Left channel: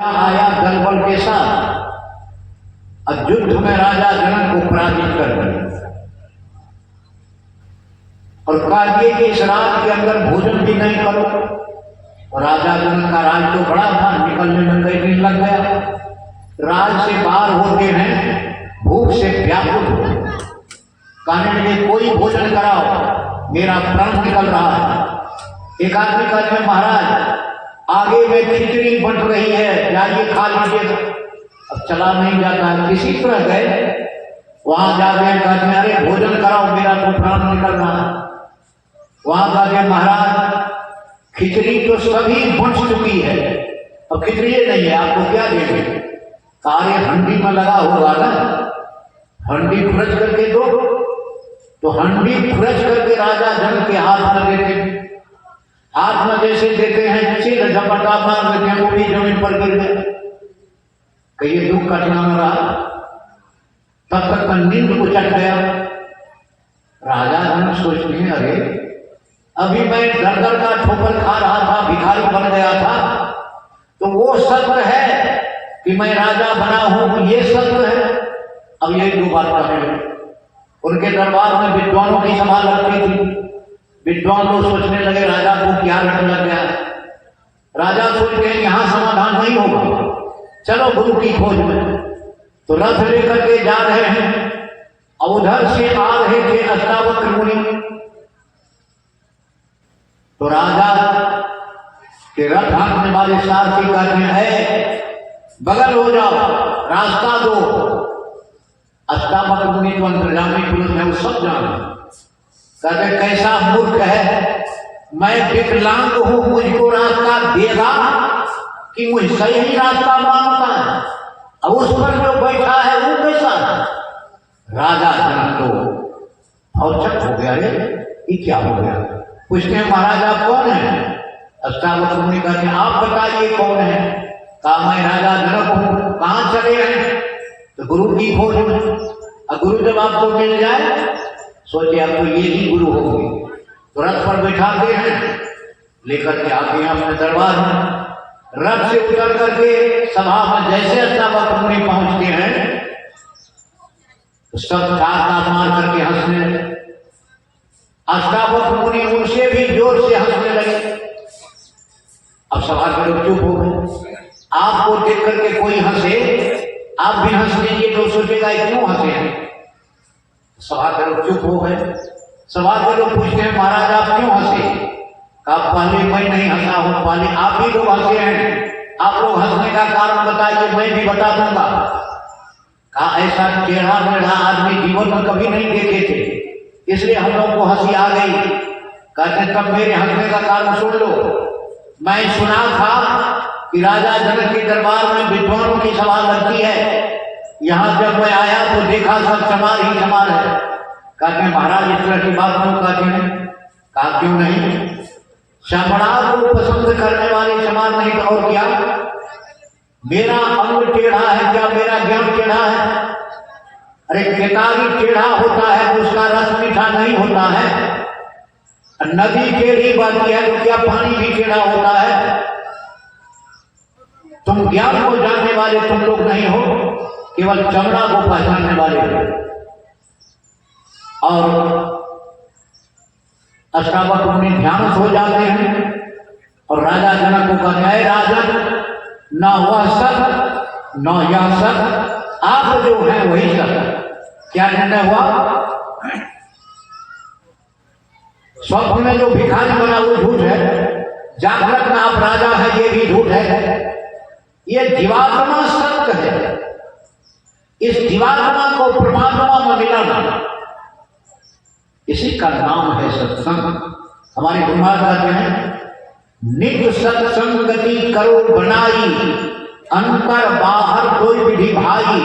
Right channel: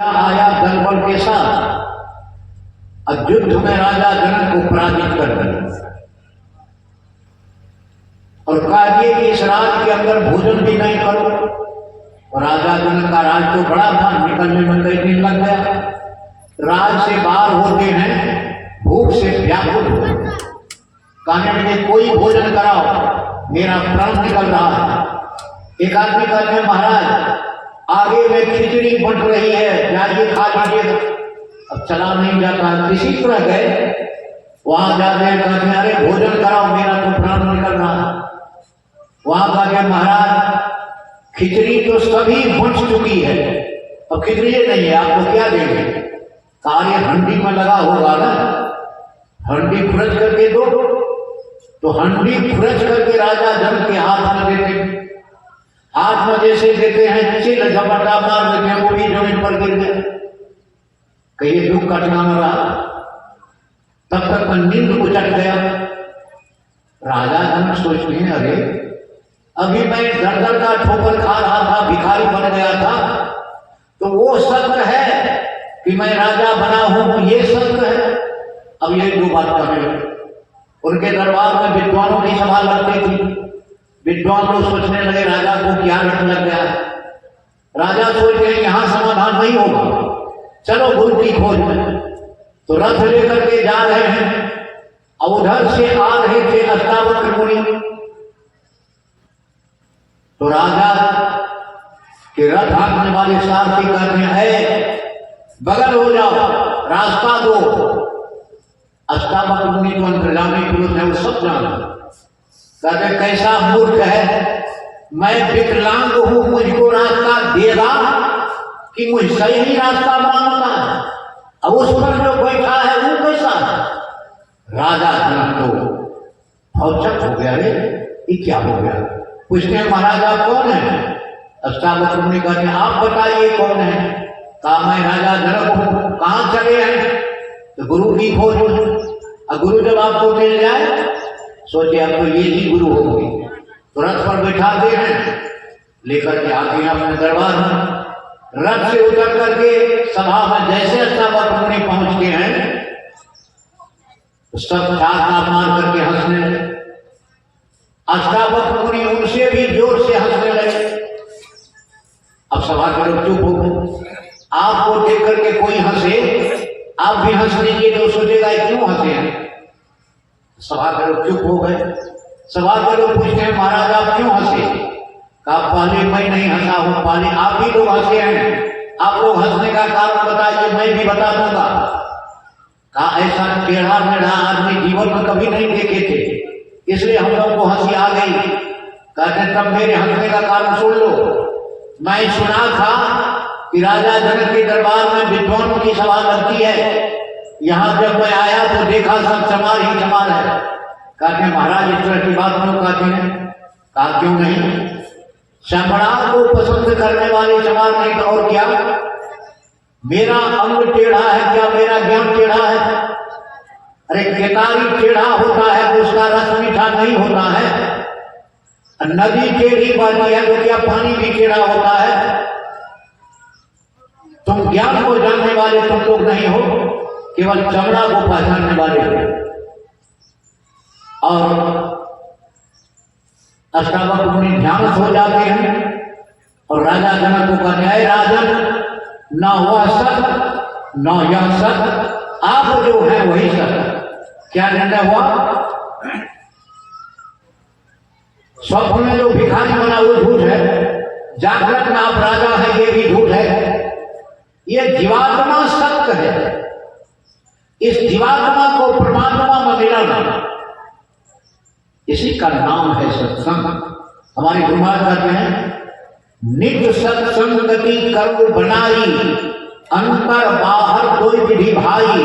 आया दलबल के साथ और युद्ध में राजा जनक को पराजित कर दिया और कहा कि इस राज के अंदर भोजन भी नहीं करो। और राजा जनक का राज तो बड़ा था, निकलने में कई दिन लग गया। राज से बाहर होते हैं, भूख से व्याकुल हो, कहने लगे कोई भोजन कराओ, मेरा प्राण निकल रहा है। एक आदमी कहते हैं महाराज आगे में खिचड़ी बन रही है, जाइए खा लीजिए। अब चला नहीं जाता है, किसी तरह गए, वहां जाके कहते हैं अरे भोजन कराओ, मेरा तो प्राण निकल रहा है। वहां कहते महाराज खिचड़ी तो सभी बन चुकी है, अब खिचड़ी नहीं है, आपको क्या देंगे? कार्य हंडी में लगा होगा ना, हंडी फुरज करके दो। तो हंडी फुरज करके राजा जनक के हाथ में देते, हाथ में जैसे देते हैं चिल झपटा मार देते हैं, वो भी जमीन पर गिर गए। कहिए दुख का ठिकाना रहा, तब तक नींद को चढ़ गया। राजा जनक सोचते हैं अरे अभी मैं दर दर का ठोकर खा रहा था, भिखारी बन गया था, तो वो सत्य है कि मैं राजा बना हूं, ये सत्य है। अब ये दो बात करने लगे। उनके दरबार में विद्वानों की सभा लगती थी, विद्वान लोग सोचने लगे राजा को क्या घटने लग गया। राजा सोचते हैं यहां समाधान नहीं होगा, चलो गुरु की खोज में। तो रथ लेकर के जा रहे हैं, और उधर से आ रहे थे अष्टावक्र मुनि। तो राजा के रथ हांकने वाले सारथी कहते हैं बगल हो जाओ, रास्ता दो। अष्टावक्र मुनि तो अंतर्यामी पुरुष है, वो सब जाने। कहते कैसा मूर्ख है, मैं विकलांग हूं, मुझको रास्ता देगा कि मुझसे ही रास्ता मांगता है? अब उस पर जो बैठा है वो कैसा है? राजा जनक तो औचक हो गया, रे ये क्या हो गया? पूछते हैं महाराज आप कौन है? अष्टावक्र मुनि कहते हैं आप बताइए कौन है? कहा मैं राजा जनक हूं। कहां चले हैं? तो गुरु की खोज में। और गुरु जब आपको मिल जाए, सोचे अब तो ये ही गुरु होंगे। तो रथ पर बैठाते हैं, लेकर के आते हैं अपने दरबार में। रथ से उतर करके सभा में जैसे अष्टावक्र मुनि पहुंचते हैं, तो सब ठाठा मार करके हंसने लगे। अष्टावक्र मुनि उनसे भी जोर से हंसने लगे। अब सभा के लोग चुप हो गए। आपको देख करके कोई हंसे, आप भी हंस लीजिए तो सोचेगा क्यों हंसे हैं। सभा के लोग चुप हो गए। सभा के लोग पूछते हैं महाराज आप क्यों हंसे? कहा पहले मैं नहीं हंसा हूं, पहले आप ही लोग हंसे हैं। आप लोग हंसने का कारण बताइए, मैं भी बता दूंगा। कहा ऐसा टेढ़ा मेढ़ा आदमी जीवन में कभी नहीं देखे थे, इसलिए हम लोग को हंसी आ गई। कहते तब मेरे हंसने का कारण सुन लो। मैं सुना था कि राजा जनक के दरबार में विद्वानों की सभा लगती है, यहां जब मैं आया तो देखा सब चमार ही चमार है। कहते महाराज इस तरह की बात क्यों कहते हैं? कहा क्यों नहीं, चमड़ा को पसंद करने वाले चमार नहीं तो और क्या? मेरा अंग टेढ़ा है क्या मेरा ज्ञान टेढ़ा है? अरे केतारी टेढ़ा होता है तो उसका रस मीठा नहीं होता है। नदी टेढ़ी बहती है तो क्या पानी भी टेढ़ा होता है? तुम ज्ञान को जानने वाले तुम लोग नहीं हो, केवल चमड़ा को पहचानने वाले हो। और अष्टावक्र मुनि ध्यान हो जाते हैं और राजा जनक को कहते हैं राजन न वह सत न यह सत, आप जो है वही सत। क्या निर्णय हुआ? स्वप्न में जो भिखारी बना वो झूठ है, जागृत में आप राजा है ये भी झूठ है। ये जीवात्मा सत्य है, इस जीवात्मा को परमात्मा में मिलाना, इसी का नाम है सत्संग। हमारे गुरु महाराज कहते हैं नित्य सत्संग गति करो बनाई, अंतर बाहर कोई विधि भाई,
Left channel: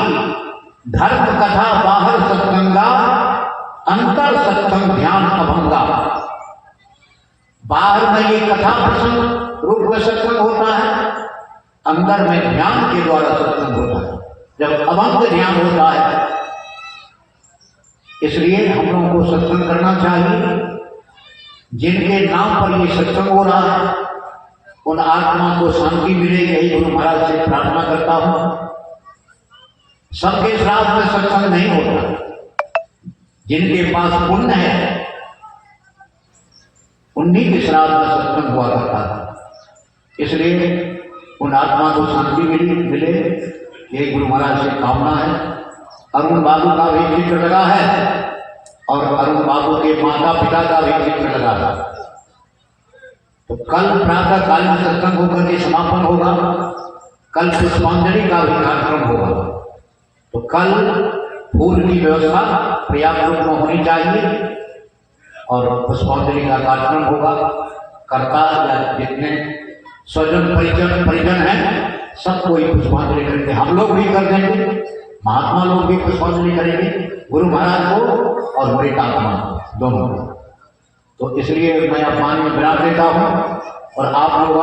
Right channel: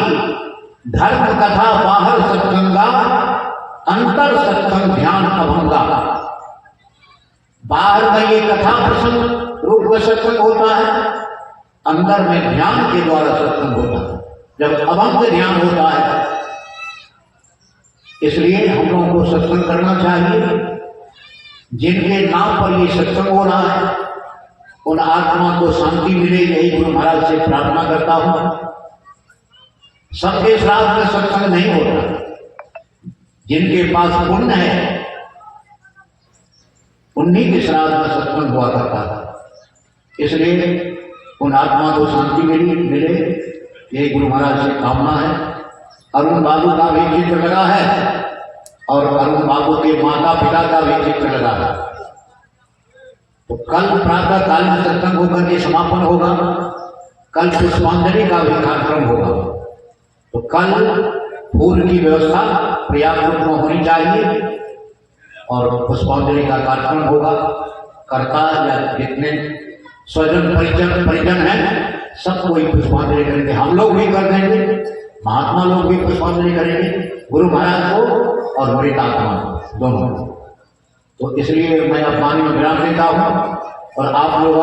धर्म कथा बाहर सत्संगा, अंतर सत्संग ध्यान अभंगा। बाहर में ये कथा प्रसंग रूप में सत्संग होता है, अंदर में ध्यान के द्वारा सत्संग होता है, जब अभंग ध्यान होता है। इसलिए हम लोगों को सत्संग करना चाहिए। जिनके नाम पर ये सत्संग हो रहा है, उन आत्मा को शांति मिले, यही गुरु महाराज से प्रार्थना करता हूं। सबके श्राद्ध में सत्संग नहीं होता, जिनके पास पुण्य है उन्हीं के श्राद्ध में सत्संग हुआ करता था। इसलिए उन आत्मा को शांति मिले, यही गुरु महाराज से कामना है। अरुण बाबू का भी चित्र लगा है और अरुण बाबू के माता पिता का भी चित्र लगा है। तो कल प्रातः कालीन सत्संग होकर के समापन होगा। कल पुष्पांजलि का भी कार्यक्रम होगा। तो कल फूल की व्यवस्था पर्याप्त रूप में होनी चाहिए और पुष्पांजलि का कार्यक्रम होगा। कर्ता या जितने स्वजन परिजन हैं सब कोई पुष्पांजलि करेंगे। हम लोग भी कर देंगे, महात्मा लोग भी पुष्पांजलि करेंगे गुरु महाराज को और मृत आत्मा दोनों को। तो इसलिए मैं अपमानी में विराम देता हूँ और आप लोग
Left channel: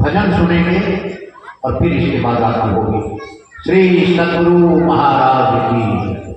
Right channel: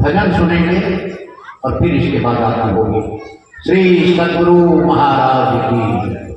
भजन सुनेंगे और फिर इसके बाद आरती होगी। श्री सतगुरु महाराज की।